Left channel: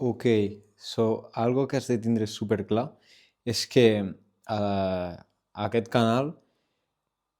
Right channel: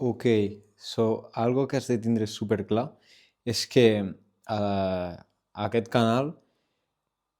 Ok, algo que has de tindre superclar és que aquest canal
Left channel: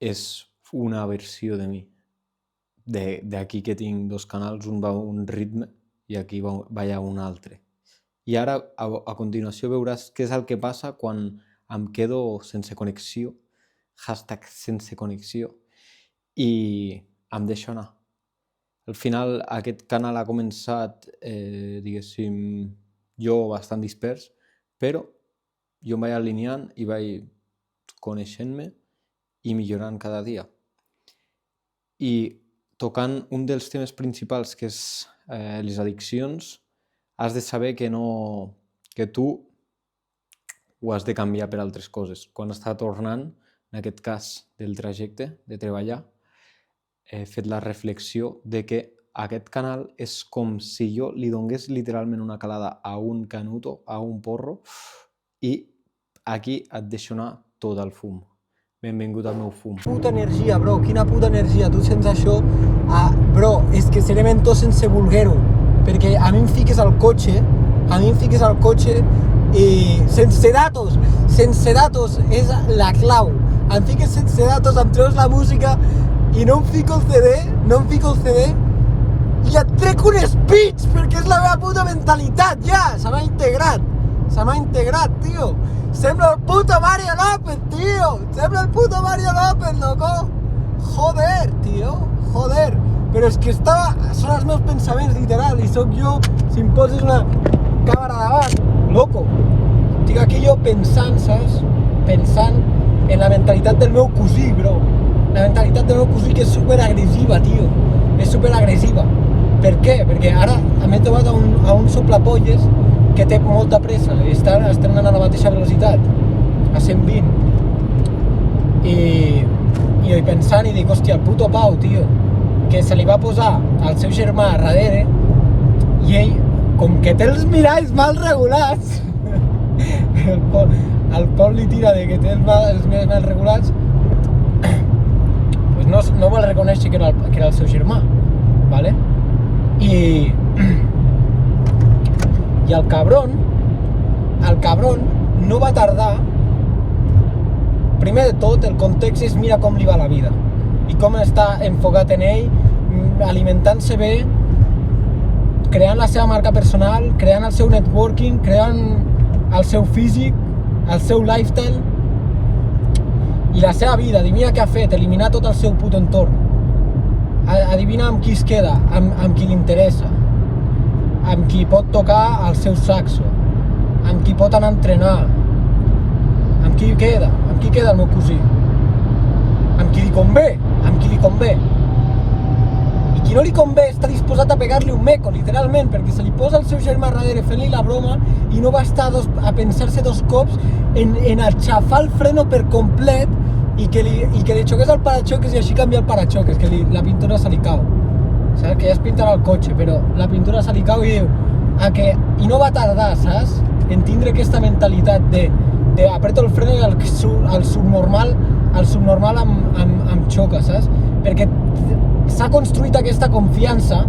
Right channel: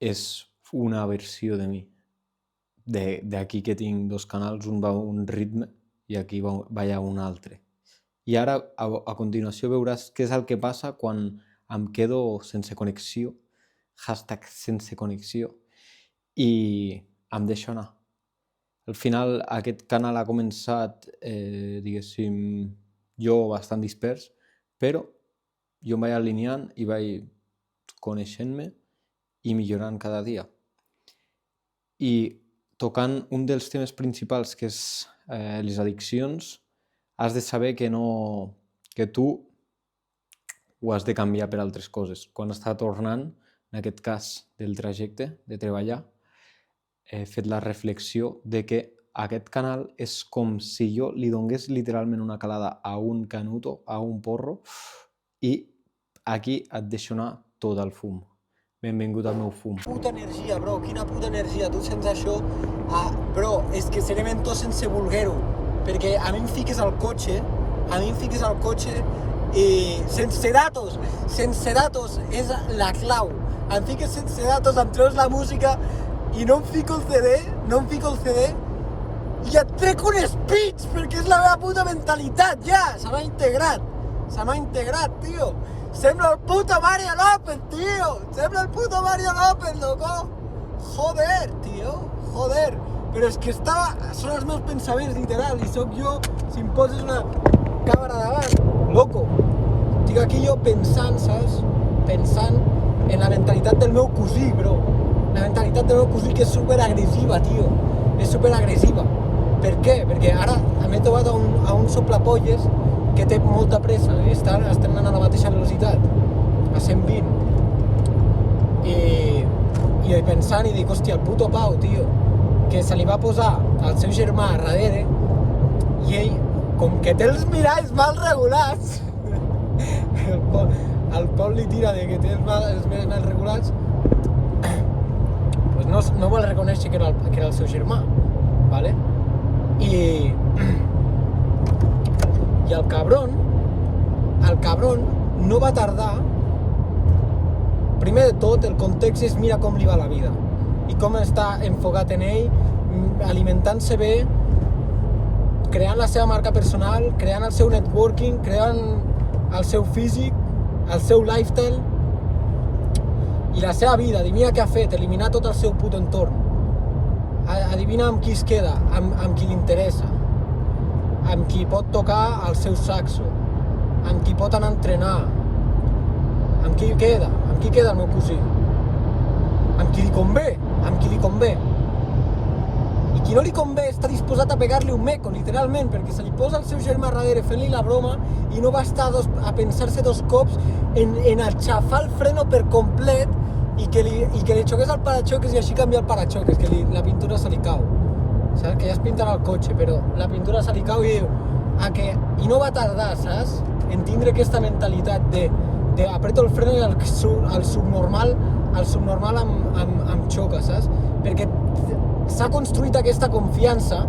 és una versió de mi. D'aquí que tinc dos canals, un va a un ritme i aquí va a un altre. I ara, a continuació, veuràs què és el que passa quan em quedo sense connexió, hashtag sense connexió, i em deixo anar. Al final, aquest canal ha començat, diguéssim, jo bastant dispers, però jo em vaig alineant i vaig coneixent-me i millorant cada dia. I tocant un dels temes principals, que és les addiccions, has de saber que tu ho has de canviar per altres coses. Quan estava tornant, en aquest cas del trajecte de treballar, he fet la reflexió de que aquest canal és com si jo li donés literalment una calada a un canuto, a un porro, i aquí et deixo anar tot el fum. Benvingut al meu fum. Puta energia, bro, quina puta energia. Tu sents això? Bro, és que seré mentós sense voler-ho, perquè a mi em fiques al cotxe, i sense datos és la clau. Em fiques sense datos, em treus la música i no em fico el CD i et trec un speech, perquè és la meva puta mentalitat, ja, se m'ha integrat, tio. Sembla el puto Mario López, tio, loco. Joder, tio, però és que són els meus pensaments, literal, i sóc jo, si em poses una càmera davant, loco. Estic aquí jo pensant, saps? Pensant en la mentalitat del meu cosí, bro. La mentalitat del meu cosí, que és superagressiva, tio. És superagressiva. Per què? Perquè ara m'he trobat a un soplapolles que té molta pressa, estem anant a la mateixa velocitat, a 120. I pensant i dic, hòstia, el puto Pau, tio, que se li va posar al seu germà a darrere, i ell, com que té els miralls mal regulats, el Pol li tira de que té els miralls mal regulats, pues no vol reconèixer que era el seu germà, ¿vale? I el cabron no va tardar. Primer de tot, el context és mira com li va la vida i com està enfocat en ell, alimentant-se bé, creant la seva marca personal, creant el seu networking, creant el seu físic, el seu lifestyle i la seva vida. Adivina què ha fet, eliminar tot el seu puto entorn. Adivina amb qui es queda, amb qui li interessa, amb qui pot tocar el seu saxo, amb qui pot anar a entrenar, amb qui queda el meu cosí, amb qui li convé. I qui no li convé està disposat a pegar-li un meco, literalment, perquè se li posa el seu germà darrere fent-li la broma i no va estar a pensar-se dos cops en aixafar el freno per complet i que li xoqués el paraxoques i així canviar el paraxoques, que la pintura se li cau. Saps? Que ja es pintarà el cotxe, però la pintura se li cau i diu i no va tardar, saps? En tindre aquesta mentalitat de apreto el freno i el subnormal em xoca, saps? Perquè s'ha construït aquesta confiança,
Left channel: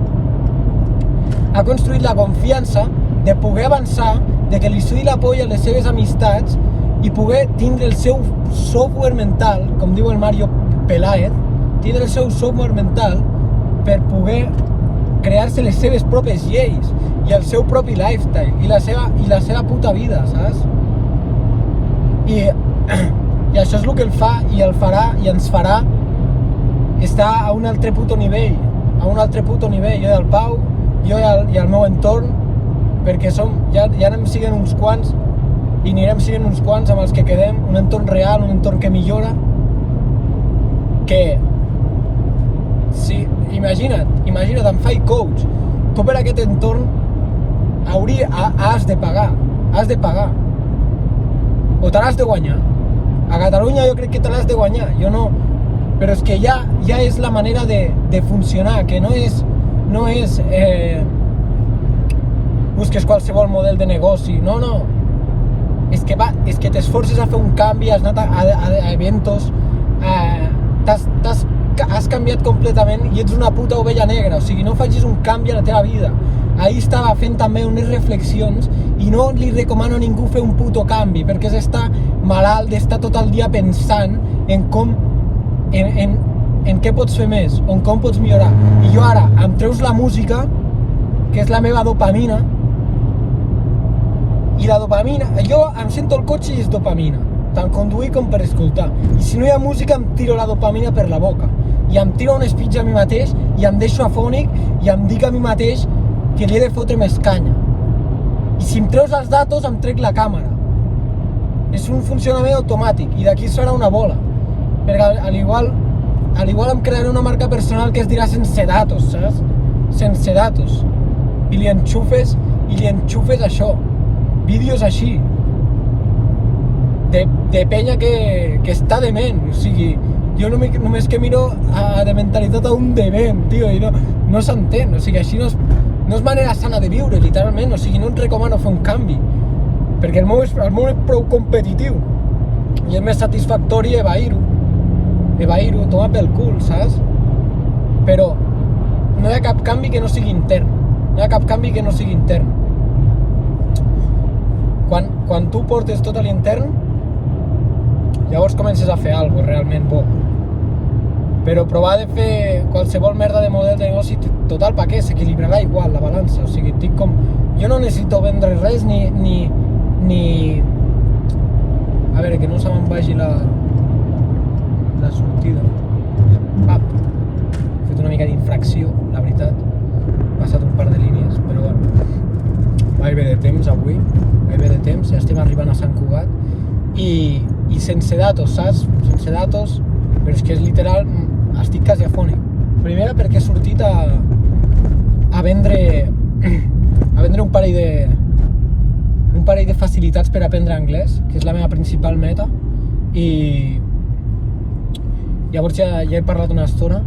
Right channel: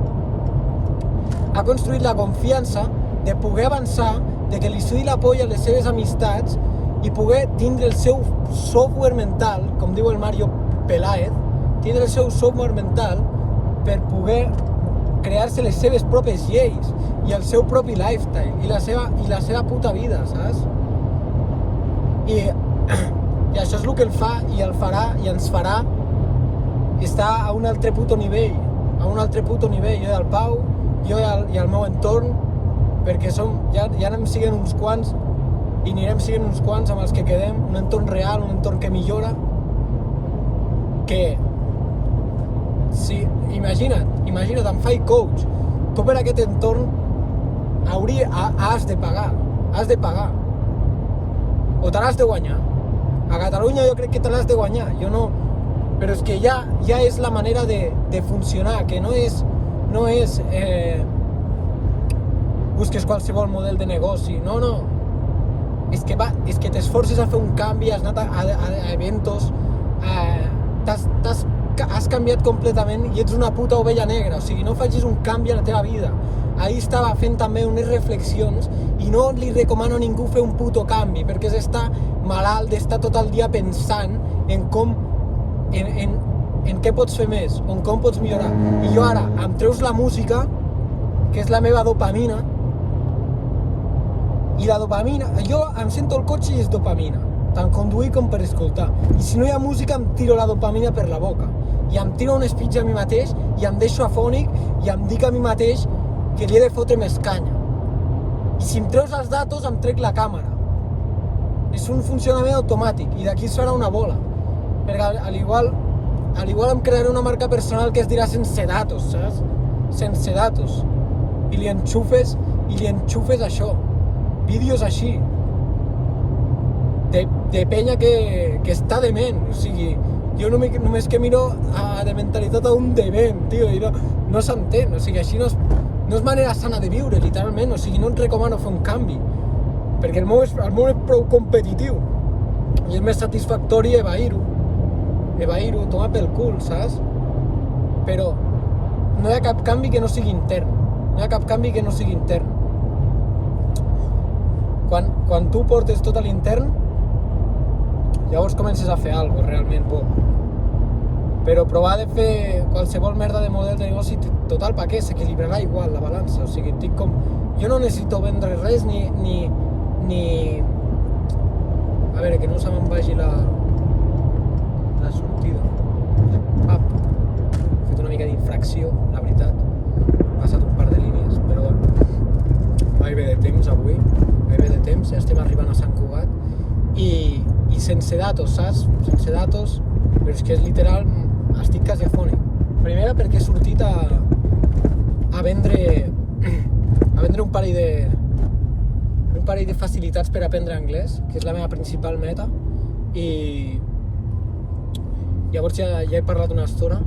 ha construït la confiança de poder avançar, de que li sudi la polla a les seves amistats i poder tindre el seu software mental, com diu el Mario Peláez, tindre el seu software mental per poder crear-se les seves pròpies lleis i el seu propi lifestyle i la seva puta vida, saps? I això és el que el fa i el farà i ens farà estar a un altre puto nivell, jo i el Pau, jo i el meu entorn, perquè ja anem siguent uns quants i anirem siguent uns quants amb els que quedem, un entorn real, un entorn que millora, que sí, imagina't, em faig coach, tu per aquest entorn has de pagar, o te l'has de guanyar. A Catalunya jo crec que te l'has de guanyar, jo no, però és que ja és la manera de funcionar, que no és busques qualsevol model de negoci, no, és que t'esforces a fer un canvi, has anat a eventos, has canviat completament i ets una puta ovella negra, o sigui, no facis un canvi a la teva vida, ahir estava fent també unes reflexions i no li recomano a ningú fer un puto canvi, perquè és estar malalt d'estar tot el dia pensant en com, en què pots fer més, o en com pots millorar. I jo ara em treus la música, que és la meva dopamina, i la dopamina, jo em sento el cotxe i és dopamina, tant conduir com per escoltar. I si no hi ha música em tiro la dopamina per la boca, i em tiro un speech a mi mateix, i em deixo afònic, i em dic a mi mateix que li he de fotre més canya. I si em treus els datos em trec la càmera. És un funcionament automàtic, i d'aquí serà una bola. Perquè al igual em crearé una marca personal que es dirà sense datos, saps? Sense datos. I li enxufes això. Vídeos així. De penya que està dement. O sigui, jo només que miro de mentalitat a un dement, tio, i no s'entén. O sigui, així no és manera sana de viure, literalment. O sigui, no et recomano fer un canvi. Perquè el meu és prou competitiu. I és més satisfactori evair-ho, tomar pel cul, saps? Però no hi ha cap canvi que no sigui intern. Quan tu portes tot a l'intern, llavors comences a fer alguna cosa realment bo. Però provar de fer qualsevol merda de model de negoci, total, pa què? S'equilibrarà igual la balança. O sigui, dic com... Jo no necessito vendre res ni... A veure, que no se me'n vagi la sortida. He fet una mica d'infracció, la veritat. He passat un par de línies, però bueno. Vaig bé de temps avui, ja estem arribant a Sant Cugat. I sense datos, saps? Sense datos, però és que és literal, estic quasi afònic. Primera perquè he sortit a vendre un parell de facilitats per aprendre anglès, que és la meva principal meta, i llavors ja he parlat una estona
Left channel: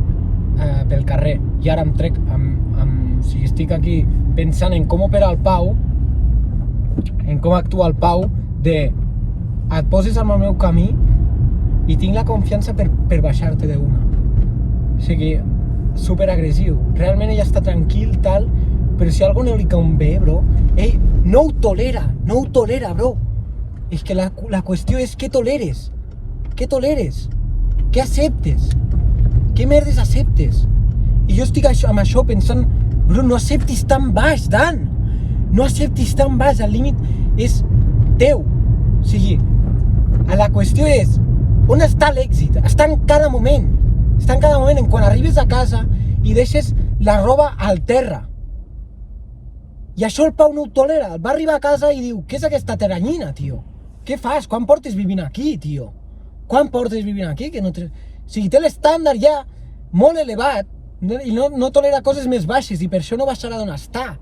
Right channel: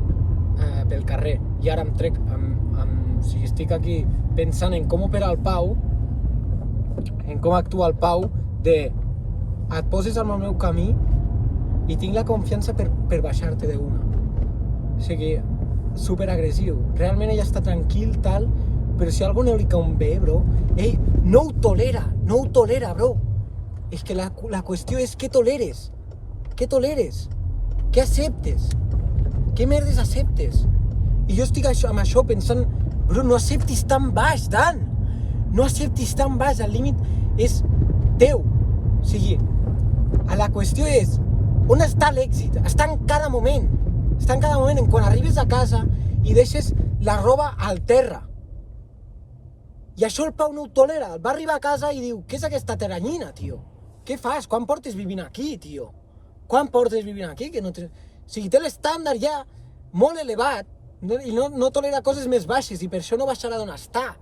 pel carrer, i ara em trec, o sigui, estic aquí pensant en com opera el Pau, en com actua el Pau, et poses al meu camí i tinc la confiança per baixar-te d'una. O sigui, superagressiu. Realment ella està tranquil, tal, però si algú no li convé, bro, ell no ho tolera, bro. És que la qüestió és què toleres. Què acceptes? Què merdes acceptes? I jo estic amb això pensant, bro, no acceptis tan baix, Dan. No acceptis tan baix, el límit és teu. O sigui, la qüestió és, on està l'èxit? Està en cada moment. En quan arribes a casa i deixes la roba al terra. I això el Pau no ho tolera. Va arribar a casa i diu, què és aquesta teranyina, tio? Què fas? Quan portes vivint aquí, tio? Que no o sigui, té l'estàndard ja molt elevat i no tolera coses més baixes i per això no baixarà d'on està.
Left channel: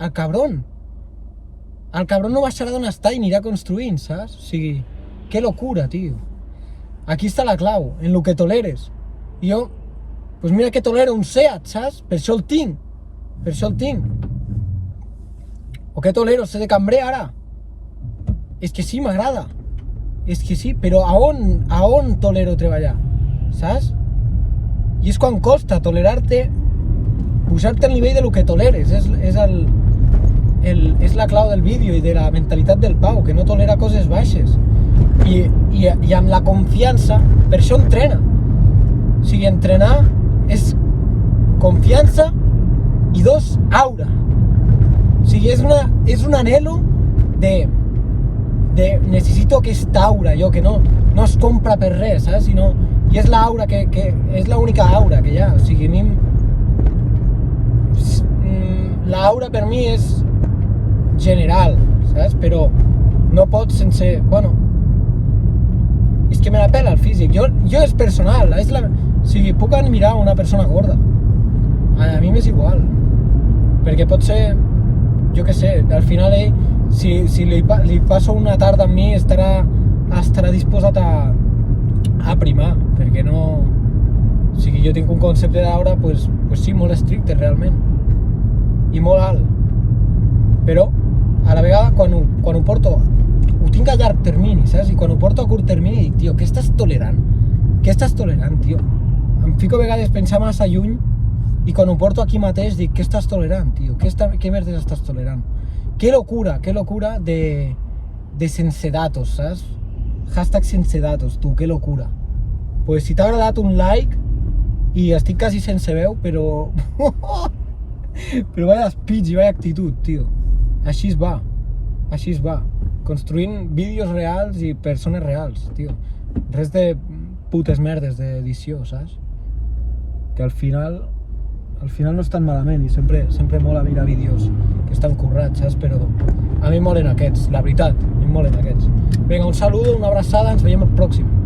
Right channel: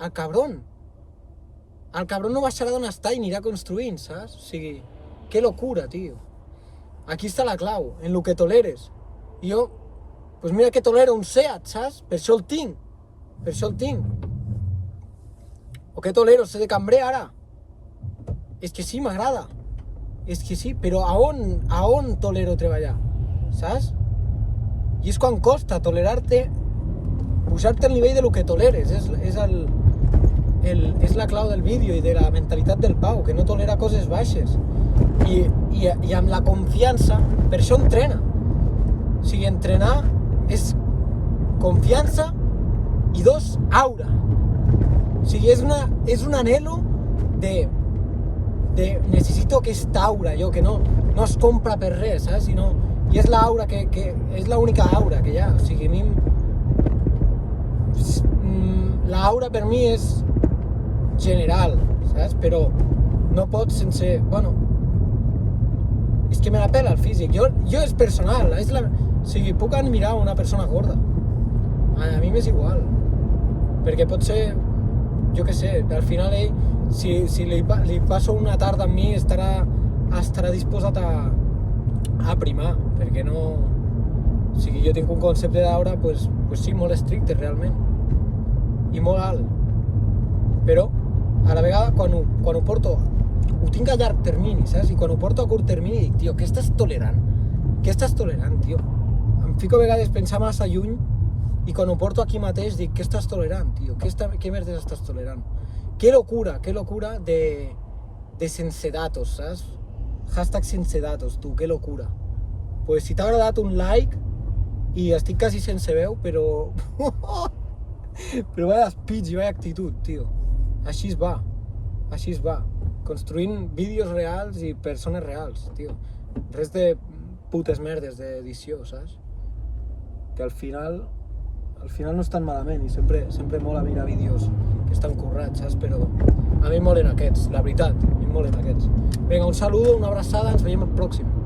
El cabron no baixarà d'on està i anirà construint, saps? O sigui, que locura, tio. Aquí està la clau, en lo que toleres. I jo, pues mira que tolero un Seat, saps? Per això el tinc. O què tolero, ser de cambrer ara? És que sí, m'agrada. És que sí, però a on tolero treballar? Saps? I és quan costa tolerar-te, pujar-te al nivell de lo que toleres. És la clau del vídeo i de la mentalitat del Pau, que no tolera coses baixes. I amb la confiança, per això entrena. O sigui, entrenar és confiança i aura. O sigui, és un anhelo de necessito aquesta aura, jo, que no es compra per res, saps? I és l'aura que és l'única aura que hi ha. O sigui, a mi l'aura per mi és general, saps? Però no pots sense... Bueno, és que me la pela el físic. Jo és personal, o sigui, puc admirar una persona gorda. A mi m'és igual. Perquè pot ser, jo què sé, al final ell, si li passo una tarda amb mi, estarà disposat a primar, perquè no... O sigui, jo tinc un concepte d'aura, pues sí, molt estricte, realment. I molt alt. Però, a la vegada, quan ho porto, ho tinc a llarg termini, saps? I quan ho porto a curt termini, dic, tio, què estàs tolerant? Tio? Em fico a vegades a pensar massa lluny I quan ho porto aquí mateix dic, què estàs tolerant, tio? Què merdes estàs tolerant? Qué locura de sense datos, saps? Hashtag sense datos, tu, que locura. Pues si t'ha agradat un like, i estic quasi sense veu, però... però vaya speech i vaya actitud, tio. Així es va. Construint vídeos reals i persones reals, tio. Res de putes merdes d'edició, saps? Que al final no és tan malament i sempre mola mirar vídeos que estan currats, saps? Però a mi em molen aquests, la veritat, a mi em molen aquests. Vinga, un saludo, una abraçada, ens veiem el pròxim.